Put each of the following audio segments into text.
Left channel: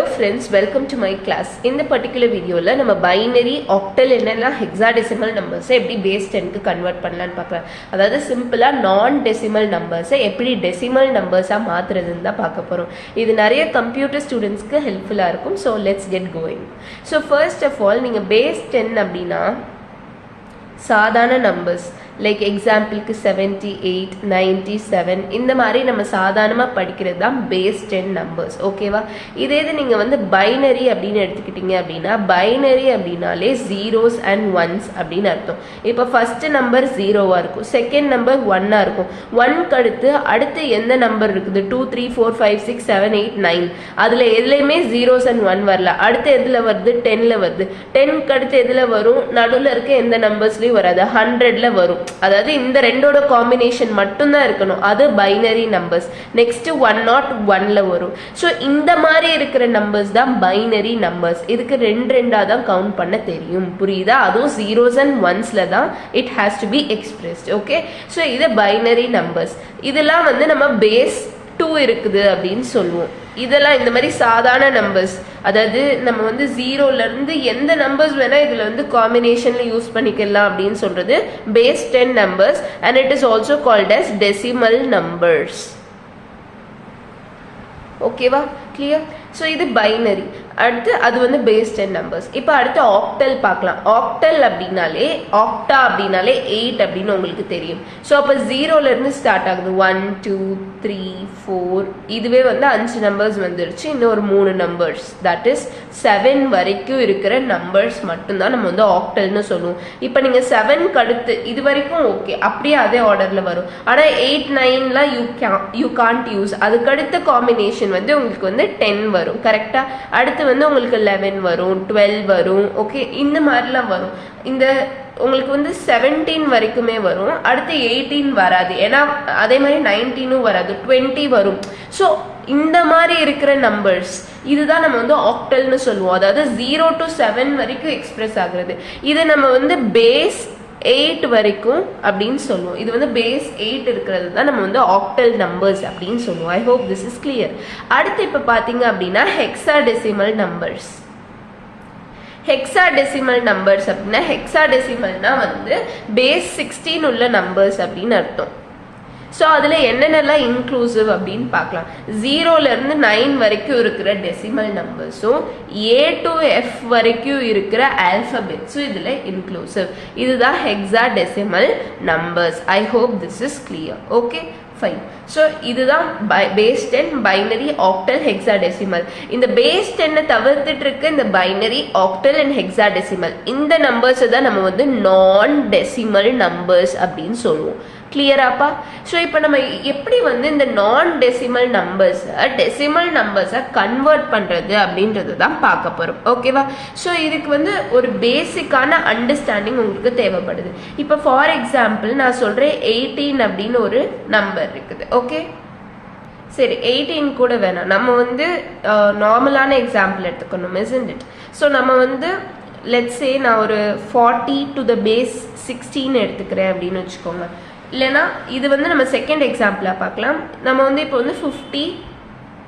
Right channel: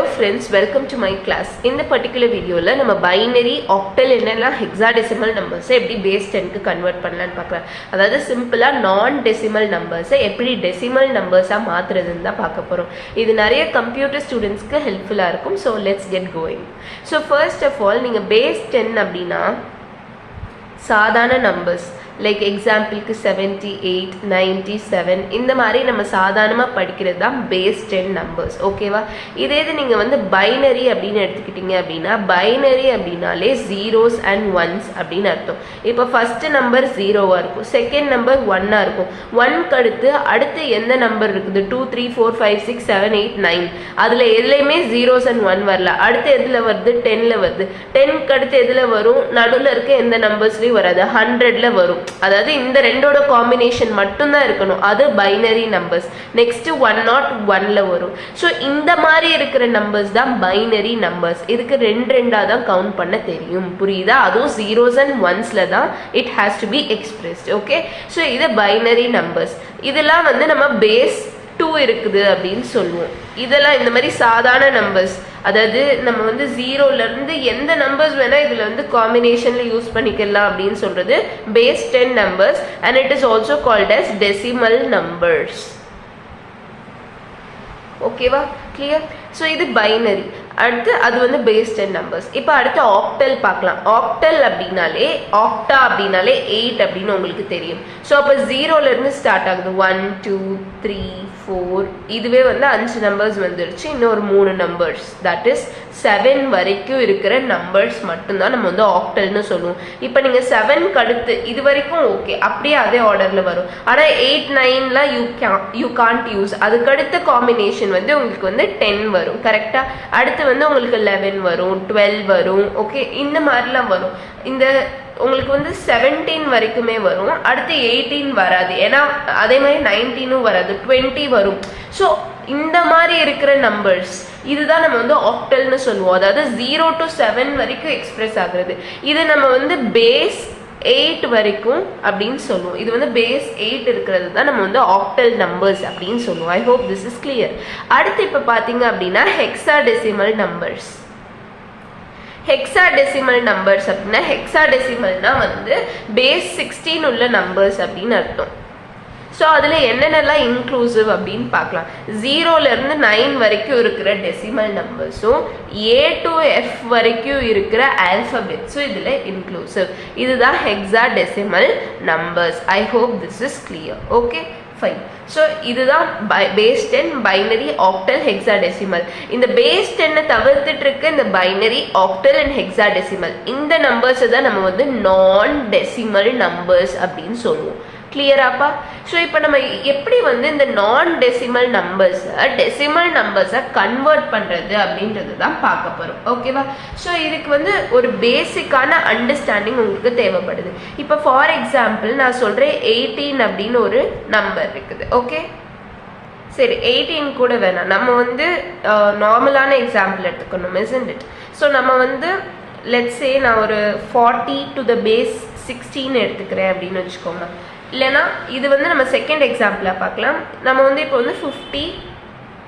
Hello friends, welcome to my class. In the particular video la நம்ம binary, octal என்னன்னா hexadecimal numbers எப்படி base 10 க்கு convert பண்ணலாம்னு பார்க்கலாம். அதாவது சிம்பிளா non decimal numbers எப்படி decimal numbers மாத்துறதுன்னு தான் பார்க்க போறோம். இது நிறைய computer students க்கு helpful இருக்கும். So let's get going. So first of all நீங்க base 10 அப்படினா சாதாரண numbers like எக்ஸாம்பிளுக்கு 78, 97 இந்த மாதிரி நம்ம சாதாரணமா படிக்கிறது தான் பேஸ் 10 நம்பர்ஸ். ஓகேவா? இதே இது நீங்க வந்து பைனரி அப்படின்னு எடுத்துக்கிட்டீங்க அப்படின்னா பைனரி அப்படின்னாலே ஜீரோஸ் அண்ட் ஒன்ஸ் அப்படின்னு அர்த்தம். இப்போ ஃபர்ஸ்ட் நம்பர் ஜீரோவா இருக்கும், செகண்ட் நம்பர் ஒன்னா இருக்கும். ஒன்க்கு அடுத்து எந்த நம்பர் இருக்குது 2, 3, 4, 5, 6, 7, 8, 9 அதுல எதுலையுமே ஜீரோஸ் அண்ட் ஒன் வரல. அடுத்து எதுல வருது? 10ல வருது. 10க்கு அடுத்து எதுல வரும்? நடுவில் இருக்க எந்த நம்பர்ஸ்லயும் வராது, 100ல வரும். அதாவது இந்த ரெண்டோட காம்பினேஷன் மட்டும் தான் இருக்கணும், அது பைனரி நம்பர்ஸ். நெக்ஸ்ட் 101ல வரும். ஸோ இந்த மாதிரி இருக்கிற நம்பர்ஸ் தான் பைனரி நம்பர்ஸ். இதுக்கு ரெண்டா தான் கவுண்ட் பண்ண தெரியும், புரியுதா? அதுவும் ஜீரோஸ் அண்ட் ஒன்ஸ்ல தான் it has to be expressed. Okay, so இது பைனரி நம்பர்ஸ். இதெல்லாம் வந்து நம்ம பேஸ் 2 இருக்குது அப்படின்னு சொல்லுவோம். இதெல்லாம் இந்த மாதிரி சாதாரண நம்பர்ஸ், அதாவது நம்ம வந்து ஜீரோல இருந்து எந்த நம்பர்ஸ் வேணா இதுல வந்து காம்பினேஷன்ல யூஸ் பண்ணிக்கலாம் அப்படின்னு சொல்றது base 10 numbers and it is also called as decimal numbers. ஓகேவா? கிளியர்? ஸோ இது பைனரி. அடுத்து அது வந்து பேஸ் 10 நம்பர்ஸ். இப்போ அடுத்து ஆக்டல் பார்க்கலாம். ஆக்டல் அப்படின்னாலே ஆக்டா அப்படின்னாலே 8 அப்படின்னு உங்களுக்கு தெரியும். ஸோ அப்போ ஜீரோல இருந்து ஸ்டார்ட் ஆகுது. 1, 2, 3, 4 இதுவே வந்து 5 நம்பர்ஸ் வந்துருச்சு. இன்னும் ஒரு 3 நம்பர்ஸ், தட் இஸ் 7 வரைக்கும் இருக்கிற நம்பர்ஸ் மட்டும்தான் நம்ம வந்து ஆக்டல்னு சொல்லுவோம். இப்போ நீங்க 7க்கு அடுத்து இது வரைக்கும் ஓகே, அப்படியே அதே ஆர்டர்ல வரும். ஆனா 8, 9லாம் யூ கான்ட் யூஸ். அதுக்கு அடுத்த காம்பினேஷன் வந்து உங்களுக்கு வந்து 10 வரும். கரெக்டா? அடுத்து வந்து உங்களுக்கு 11 வரும், 12 வரும். ஓகே, இந்த மாதிரிலாம் வரும். இந்த உங்களுக்கு வந்து 17 வரைக்குமே வரும். அடுத்து 18 வராது, ஏன்னா அதே மாதிரி 19 வராது, 20 வரும். ஸோ இந்த மாதிரி இருக்கிற நம்பர்ஸ் இதுதான் நம்ம வந்து ஆக்டல்னு சொல்லுவோம். அதாவது 0 to 7 வரைக்கும் எக்ஸ்பிரஸ் ஆகுறது. இது நம்ம வந்து பேஸ் 8 வரைக்கும் அப்படின்னு சொல்லுவோம். இது வந்து பேஸ் 8 இருக்கிறது தான் நம்ம வந்து ஆக்டல் நம்பர்ஸ் அப்படின்னு சொல்லுவோம். I hope this is clear. அடுத்து இப்ப பாத்தீங்க அப்படின்னா ஹெக்ஸாடெசிமல் நம்பர்ஸ். ஹெக்ஸாடெசிமல் நம்பர்ஸ் அப்படின்னா ஹெக்ஸாடெசிமல்னா வந்து பேஸ் 16 உள்ள நம்பர்ஸ் அப்படின்னு அர்த்தம். ஸோ அதுல என்னென்னலாம் இன்க்ளூசிவ் அப்படின்னு பார்க்கலாம். 0ல இருந்து 9 வரைக்கும் இருக்கிற டெசிமல் நம்பர்ஸும் A to F வரைக்கும் இருக்கிற ஆல்பபெட்ஸும் இதுல இன்க்ளூசிவ். இதுதான் hexadecimal numbers. I hope this is clear. Okay, fine. So இதுதான் பேஸ் 10, பைனரி, ஆக்டல், ஹெக்ஸாடெசிமல். இந்த பேஸ் 10 தவிர்த்துட்டு இருக்க இந்த பைனரி, ஆக்டல் அண்ட் ஹெக்ஸாடெசிமல் இந்த நம்பர்ஸ் தான் நம்ம வந்து நான் டெசிமல் நம்பர்ஸ் அப்படின்னு சொல்லுவோம். கிளியராப்பா? ஸோ இப்போ நம்ம எப்படி வந்து இந்த நான் டெசிமல் நம்பர்ஸை கன்வெர்ட் பண்றது அப்படின்றது தான் பார்க்க போறோம். ஓகேவா? ஸோ இதுக்கு வந்து ஒரு பேசிக்கான அண்டர்ஸ்டாண்டிங் உங்களுக்கு தேவைப்படுது. இப்போ ஃபார் எக்ஸாம்பிள் நான் சொல்றேன் 18 அப்படின்னு ஒரு நம்பர் இருக்குது. ஓகே, சரி 18 கூட வேணாம், நம்ம வந்து நார்மலான எக்ஸாம்பிள் எடுத்துக்கணும், isn't it? ஸோ நம்ம வந்து let's say நான் ஒரு 40 to the base 16 எடுத்துக்கிறேன் அப்படின்னு வச்சுக்கோங்க. இல்லைன்னா இது வந்து நம்ம செகண்ட் எக்ஸாம்பிளா பார்க்கலாம். நம்ம வந்து இப்போ வந்து 50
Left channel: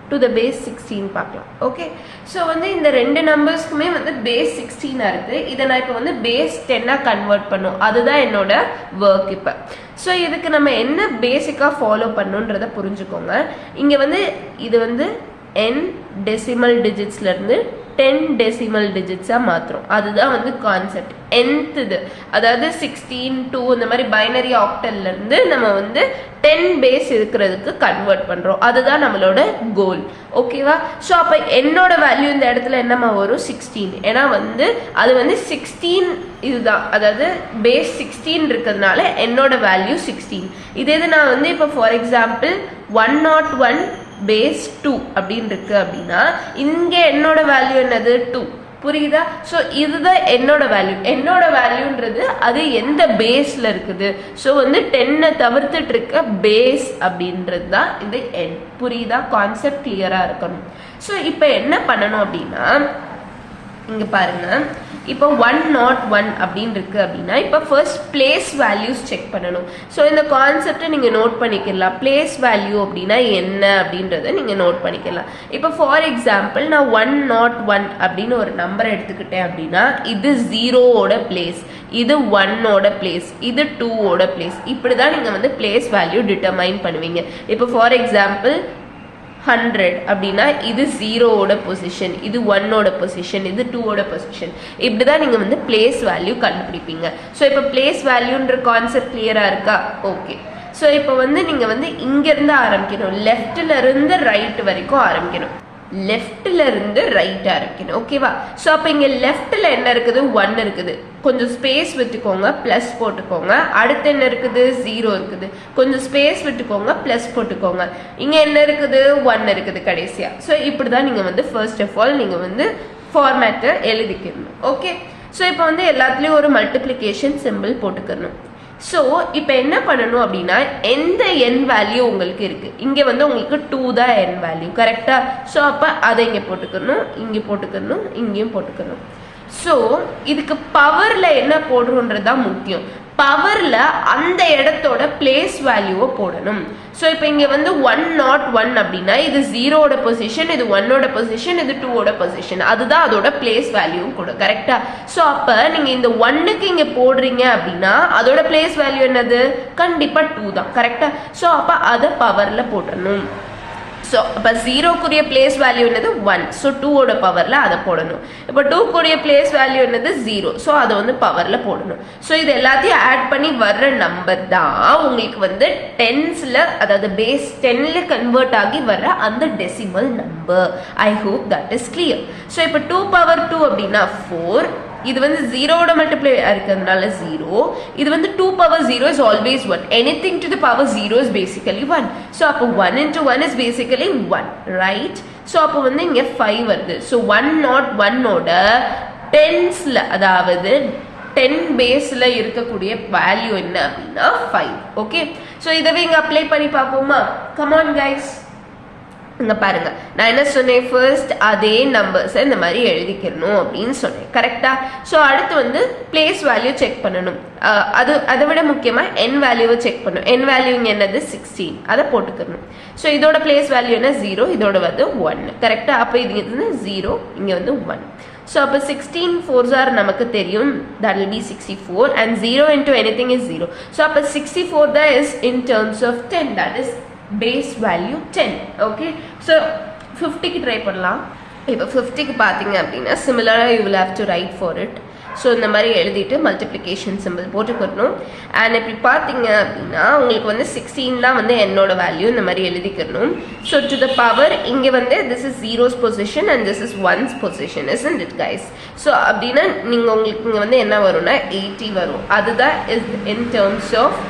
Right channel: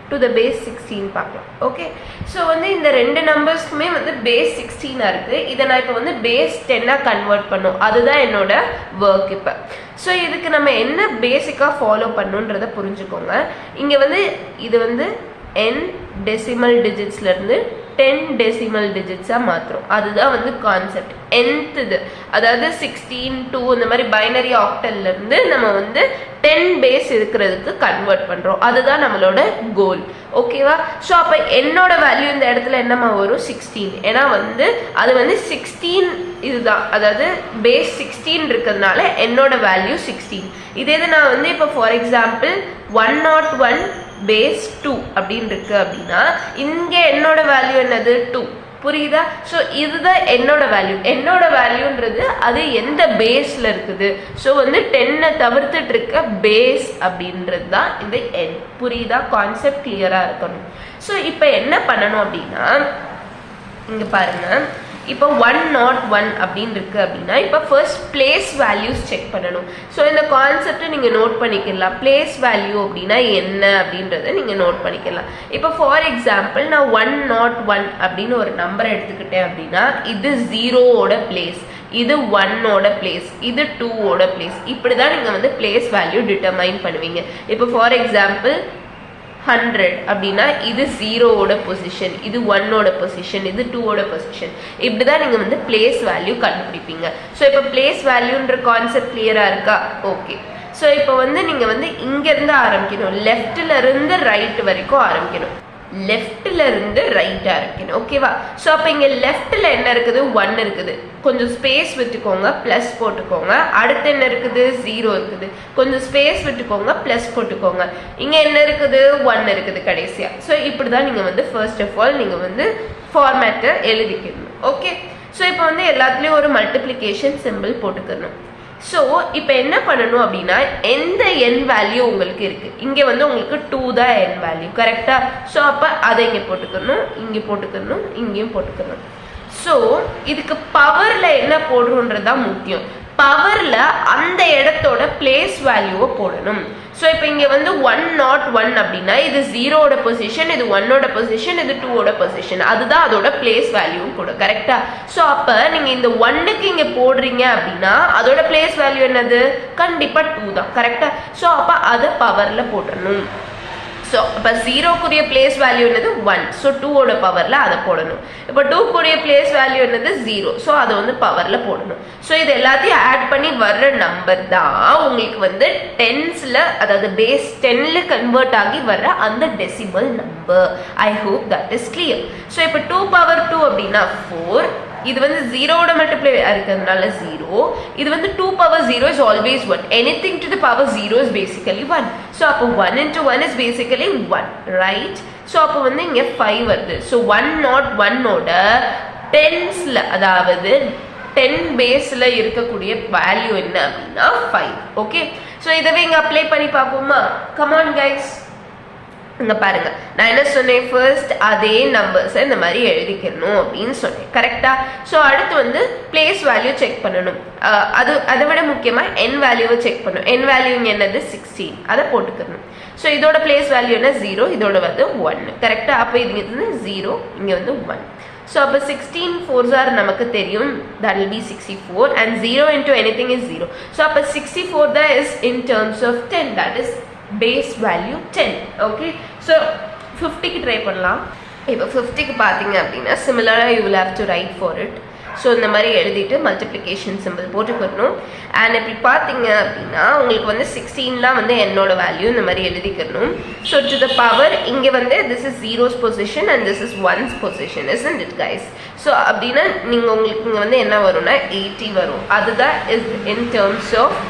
to the base 16 பார்க்கலாம். ஓகே, ஸோ வந்து இந்த ரெண்டு நம்பர்ஸ்க்குமே வந்து பேஸ் 16 இருக்கு. இதை நான் இப்போ வந்து பேஸ் 10 கன்வெர்ட் பண்ணும், அதுதான் என்னோட ஒர்க். இப்போ ஸோ இதுக்கு நம்ம என்ன பேசிக்கா ஃபாலோ பண்ணுன்றத புரிஞ்சுக்கோங்க. இங்க வந்து இது வந்து n டெசிமல் டிஜிட்ஸ்ல இருந்து 10 டெசிமல் டிஜிட்ஸா மாத்திரம், அதுதான் வந்து கான்செப்ட். nth இது அதாவது 16, 2 இந்த மாதிரி பைனரி ஆக்டல்ல இருந்து நம்ம வந்து 10 பேஸ் இருக்கிறதுக்கு கன்வெர்ட் பண்றோம், அதுதான் நம்மளோட கோல். ஓகேவா? ஸோ அப்ப என்னோட வேல்யூ இந்த இடத்துல என்னமா வரும்? 16. ஏன்னா வந்து அது வந்து 16 இதுதான், அதாவது பேஸ் 16 இருக்கிறதுனால என்னோட வேல்யூ 16. இதே நான் வந்து இப்போ ஃபார் எக்ஸாம்பிள் 101 பேஸ் 2 அப்படின்னு இருக்கு அப்படின்னா இங்க என்னோட வேல்யூ என்னது? 2. புரியுதா? ஸோ இதுதான் என்னோட வேல்யூ. என்னோட வேல்யூன்றது அது எந்த பேஸ்ல இருக்குது. ஸோ வந்து 10 தவிர்த்துட்டு இருக்க பேஸ் அப்படின்றது தான் இந்த n. புரியுதா? கான்செப்ட் கிளியரா இருக்கணும். ஸோ இப்போ என்ன பண்ணணும் அப்படின்னா இங்க பாருங்க, இப்போ 101 அப்படின்னு இருக்கு அப்படின்னா இப்போ ஃபர்ஸ்ட் பிளேஸ் வேல்யூஸ் செக் பண்ணணும். ஸோ இந்த கான்செப்டை நீங்க நோட் பண்ணிக்கலாம். பிளேஸ் வேல்யூ அப்படின்னா என்ன அப்படின்றத நீங்க நோட் பண்ணிக்கலாம். இப்போ ஃபார் எக்ஸாம்பிள் நான் 101 அப்படின்னு ஒரு நம்பர் எடுத்துக்கிட்டேன் அப்படின்னா இது 0ஓட பிளேஸ், இது 1ஓட பிளேஸ், இது 2ஓட பிளேஸ். இப்படிதான் நீங்க வந்து பிளேஸ் வேல்யூ டிட்டர்மைன் பண்ணுவீங்க. இப்போ ஃபார் எக்ஸாம்பிள் 100 அப்படின்னா இது 0ஓட பொசிஷன், இது 1ஓட பொசிஷன், இது 2ஓட பொசிஷன். இப்படிதான் நீங்க வந்து பிளேஸ் வேல்யூ கண்டுபிடிப்பீங்க. ஸோ இப்போ பிளேஸ் வேல்யூன்ற கான்செப்ட் கிளியரா இருக்கா? ஓகே. ஸோ இப்போ வந்து நீங்க வந்து இங்க இருந்து ஆரம்பிக்கணும், லெஃப்ட்ல இருந்து ரைட் வரைக்கும் ஆரம்பிக்கணும், லெஃப்ட்ல இருந்து ரைட் ஆரம்பிக்கணும். ஓகேவா? ஸோ அப்போ இங்க லெஃப்ட்ல என்ன இருக்குது? 1 இருக்குது, கொஞ்சம் ஸ்பேஸ் விட்டுக்கோங்க, பிளஸ் போட்டுக்கோங்க. அடுத்து என்ன இருக்குது? 0 இருக்குது, கொஞ்சம் ஸ்பேஸ் விட்டுக்கோங்க, பிளஸ் போட்டுக்கோங்க. இங்க என்ன இருக்குது? 1 இருக்குது கடைசியா. ஸோ இப்படிதான் நீங்க வந்து ஃபர்ஸ்ட் ஆஃப் ஆல் நீங்க வந்து ஃபார்மேட்டை எழுதிக்கணும். ஓகே. ஸோ இப்போ வந்து எல்லாத்துலயும் ஒரு மல்டிப்ளிகேஷன் சிம்பிள் போட்டுக்கணும். ஸோ இப்போ என்ன பண்ணணும் அப்படின்னா எந்த என் வேல்யூ உங்களுக்கு இருக்கு, இங்க வந்து உங்களுக்கு 2 தான் என் வேல்யூ, கரெக்டா? ஸோ அப்ப அதை இங்க போட்டுக்கணும், இங்க போட்டுக்கணும், இங்கேயும் போட்டுக்கணும். ஸோ இதுக்கு பவர்ல என்ன போடுறோன்றதுதான் முக்கியம். பவர்ல அந்த இடத்தோட பிளேஸ் வேல்யூவை போடணும். ஸோ இப்போ இங்க வந்து 101 அப்படின்னா இது 0ஓட பொசிஷன், இது 1ஓட பொசிஷன், இது 2ஓட பொசிஷன், அதுதான் அதோட பிளேஸ் வேல்யூ கூட, கரெக்டா? ஸோ அப்ப நீங்க இந்த 1க்கு இங்க போடுறீங்க அப்படின்னா அதோட பிளேஸ் வேல்யூ என்னது? கண்டிப்பா 2 தான், கரெக்டா? ஸோ அப்ப அதை பவர்ல போடணும். ஸோ இப்போ 0க்குரிய பிளேஸ் வேல்யூ என்னது? 1. ஸோ 2ஓட பவரில் அதை போடணும். இப்போ 2க்குரிய பிளேஸ் வேல்யூ என்னது? 0. ஸோ அதை வந்து பவரில் போடணும். ஸோ இது எல்லாத்தையும் ஆட் பண்ணி வர்ற நம்பர் தான் உங்களுக்கு வந்து டென்ஸில், அதாவது பேஸ் 10ல் கன்வெர்ட் ஆகி வர்ற அந்த decimal number. I hope that is clear. So இப்போ 2 பவர் 2 அப்படின்னா 4, இது வந்து 0ஓட மல்டிப்ளை இருக்கிறதுனால 0, இது வந்து 2 power 0 is always 1. anything to the power 0 is basically 1. so அப்போ 1 into 1 is basically 1, right? so அப்போ வந்து இங்க 5 வருது. so 101ஓட டென்ஸ்ல, அதாவது 10 பேஸ்ல இருக்கக்கூடிய வேல்யூ என்ன அப்படின்னா 5. ஓகே. so இதவே இங்க அப்ளை பண்ணி பார்ப்போமா? come on guys. இங்க பாருங்க, நான் என்ன சொன்னேன்? ஃபர்ஸ்ட் அதே நம்பர்ஸ் இந்த மாதிரி எழுதிக்கணும் அப்படின்னு சொன்னேன், கரெக்டா? ஸோ அடுத்து வந்து பிளேஸ் வேல்யூ செக் பண்ணணும். அதை விட முக்கியமா என் வேல்யூவை செக் பண்ணணும். என் வேல்யூ என்னது? 16, அதை போட்டுக்கணும். ஸோ இதோட பிளேஸ் வேல்யூ என்ன? 0, இதோட வந்து 1, கரெக்டா? அப்போ இது 0, இங்க வந்து 1. ஸோ அப்போ 16 4s are நமக்கு தெரியும், that will be 64, and 0 into anything is 0. So அப்போ 64 தான் is in terms of 10, that is base value 10. okay, so 50க்கு try பண்ணலாம். இப்போ 50க்கு பார்த்தீங்க அப்படின்னா சிமிலராக you will have to write for it. So இந்த மாதிரி எழுதிட்டு மல்டிப்ளிகேஷன் சிம்பிள் போட்டுக்கணும். அண்ட் இப்படி பார்த்தீங்க அப்படின்னா உங்களுக்கு வந்து 16லாம் வந்து என்னோட வேல்யூ இந்த மாதிரி எழுதிக்கணும். ஸோ டு த பவர் இங்கே வந்து this is 0's position and this is 1's position, isn't it guys? So அப்படின்னா நீங்கள் உங்களுக்கு இங்கே வந்து என்ன வரும்னா 80 வரும். அதுதான் is in terms of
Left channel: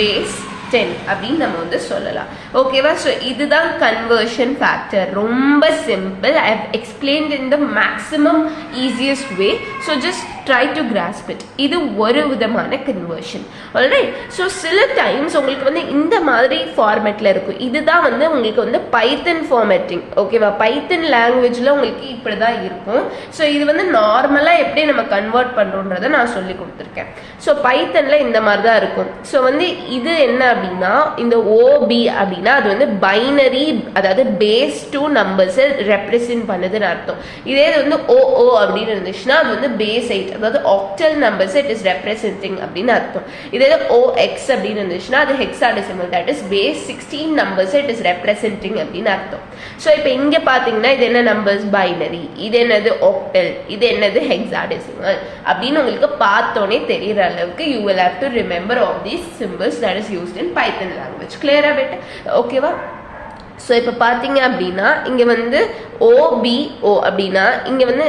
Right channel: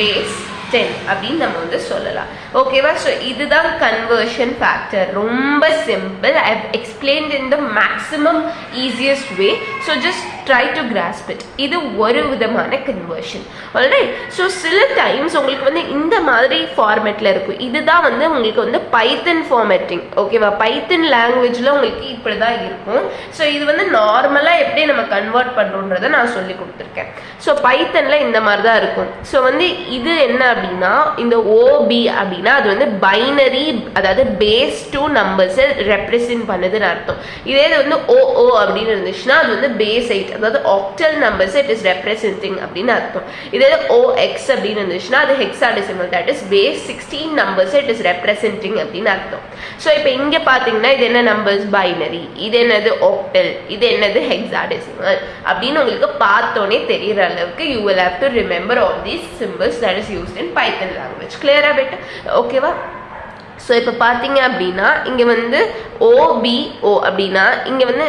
base 10 அப்படின்னு நம்ம வந்து சொல்லலாம். ஓகேவா? ஸோ இதுதான் கன்வர்ஷன் ஃபேக்டர். ரொம்ப simple. I have explained in the maximum easiest way. So just try to grasp it. இது ஒரு விதமான கன்வர்ஷன். ஆல்ரைட். ஸோ சில டைம்ஸ் உங்களுக்கு வந்து இந்த மாதிரி ஃபார்மேட்ல இருக்கும். இதுதான் வந்து உங்களுக்கு வந்து பைத்தன் ஃபார்மேட்டிங். ஓகேவா? பைத்தன் லாங்குவேஜ்ல உங்களுக்கு இப்படிதான் இருக்கும். ஸோ இது வந்து நார்மலா எப்படி நம்ம கன்வெர்ட் பண்றோன்றதை நான் சொல்லி கொடுத்துருக்கேன். ஸோ பைத்தன்ல இந்த மாதிரி தான் இருக்கும். ஸோ வந்து இது என்ன அப்படின்னா இந்த ஓபி அப்படின்னா அது வந்து பைனரி, அதாவது பேஸ் 2 நம்பர்ஸ் ரெப்ரசென்ட் பண்ணுதுன்னு அர்த்தம். இதே வந்து ஓ அப்படின்னு இருந்துச்சுன்னா அது வந்து பேஸ் 8, அதாவது octal numbers it is representing அப்படின்னு அர்த்தம். இதே ஓஎக்ஸ் அப்படின்னு இருந்துச்சுன்னா அது hexadecimal, that is base 16 numbers it is representing அப்படின்னு அர்த்தம். ஸோ இப்போ இங்க பாத்தீங்கன்னா இது என்ன நம்பர்ஸ்? பைனரி. இது என்னது? ஆக்டல். இது என்னது? ஹெக்ஸாடெசிமல் அப்படின்னு உங்களுக்கு பார்த்தோன்னே தெரியற அளவுக்கு you will have to remember all these symbols that is used in Python language. clear ஆ பெட்டா? ஓகேவா? ஸோ இப்போ பார்த்தீங்க அப்படின்னா இங்கே வந்து OBO அப்படின்னா இங்கே வந்து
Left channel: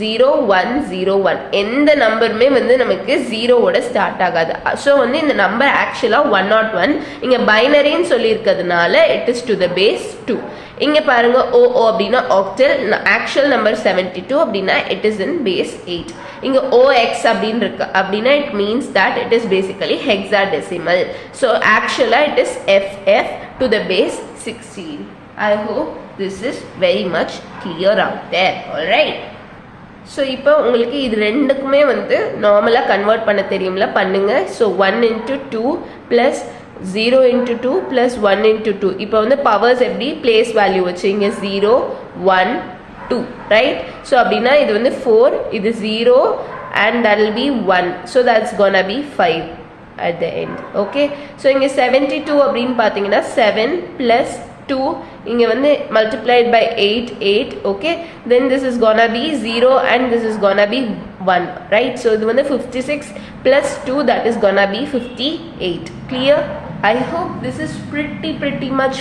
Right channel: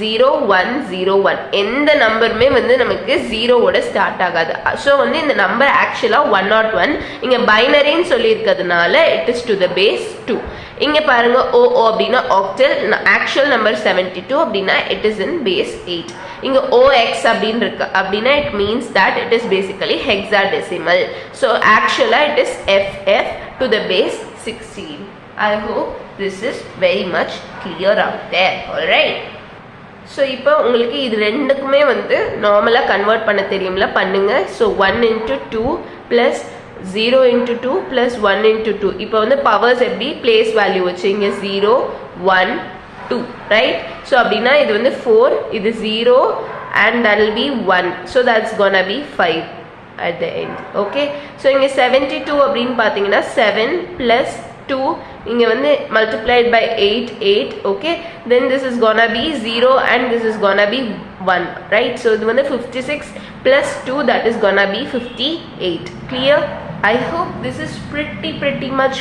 0101 எந்த நம்பருமே வந்து நமக்கு 0ஓட ஸ்டார்ட் ஆகாது. ஸோ வந்து இந்த நம்பர் ஆக்சுவலாக 101 இங்கே பைனரின்னு சொல்லியிருக்கிறதுனால it is to the base 2. இங்கே பாருங்க ஓ அப்படின்னா ஆக்டல், ஆக்சுவல் நம்பர் 72 அப்படின்னா இட் இஸ் இன் பேஸ் 8. இங்க OX அப்படின்னு இருக்கு அப்படின்னா it means that it is basically hexadecimal. So actually it is FF to the base 16. I hope this is very much clear out there. All right. So இப்போ உங்களுக்கு இது ரெண்டுக்குமே வந்து நார்மலாக கன்வெர்ட் பண்ண தெரியும்ல, பண்ணுங்க. So 1 into 2 plus 0 into 2 plus 1 into 2. இப்போ வந்து பவர்ஸ் எப்படி பிளேஸ் வேல்யூ வச்சு இங்கே 0 1 2 ரைட். ஸோ அப்படின்னா இது வந்து 4, இது 0 and that will be 1. So that's gonna be 5 at the end. Okay. So இங்கே 72 அப்படின்னு பார்த்தீங்கன்னா 7 plus 2 இங்க வந்து multiplied by 8 8. Okay, then this is gonna be 0 and this is gonna be 1, right? So இது வந்து 56 plus 2, that is gonna be 58. Clear? I hope this is pretty much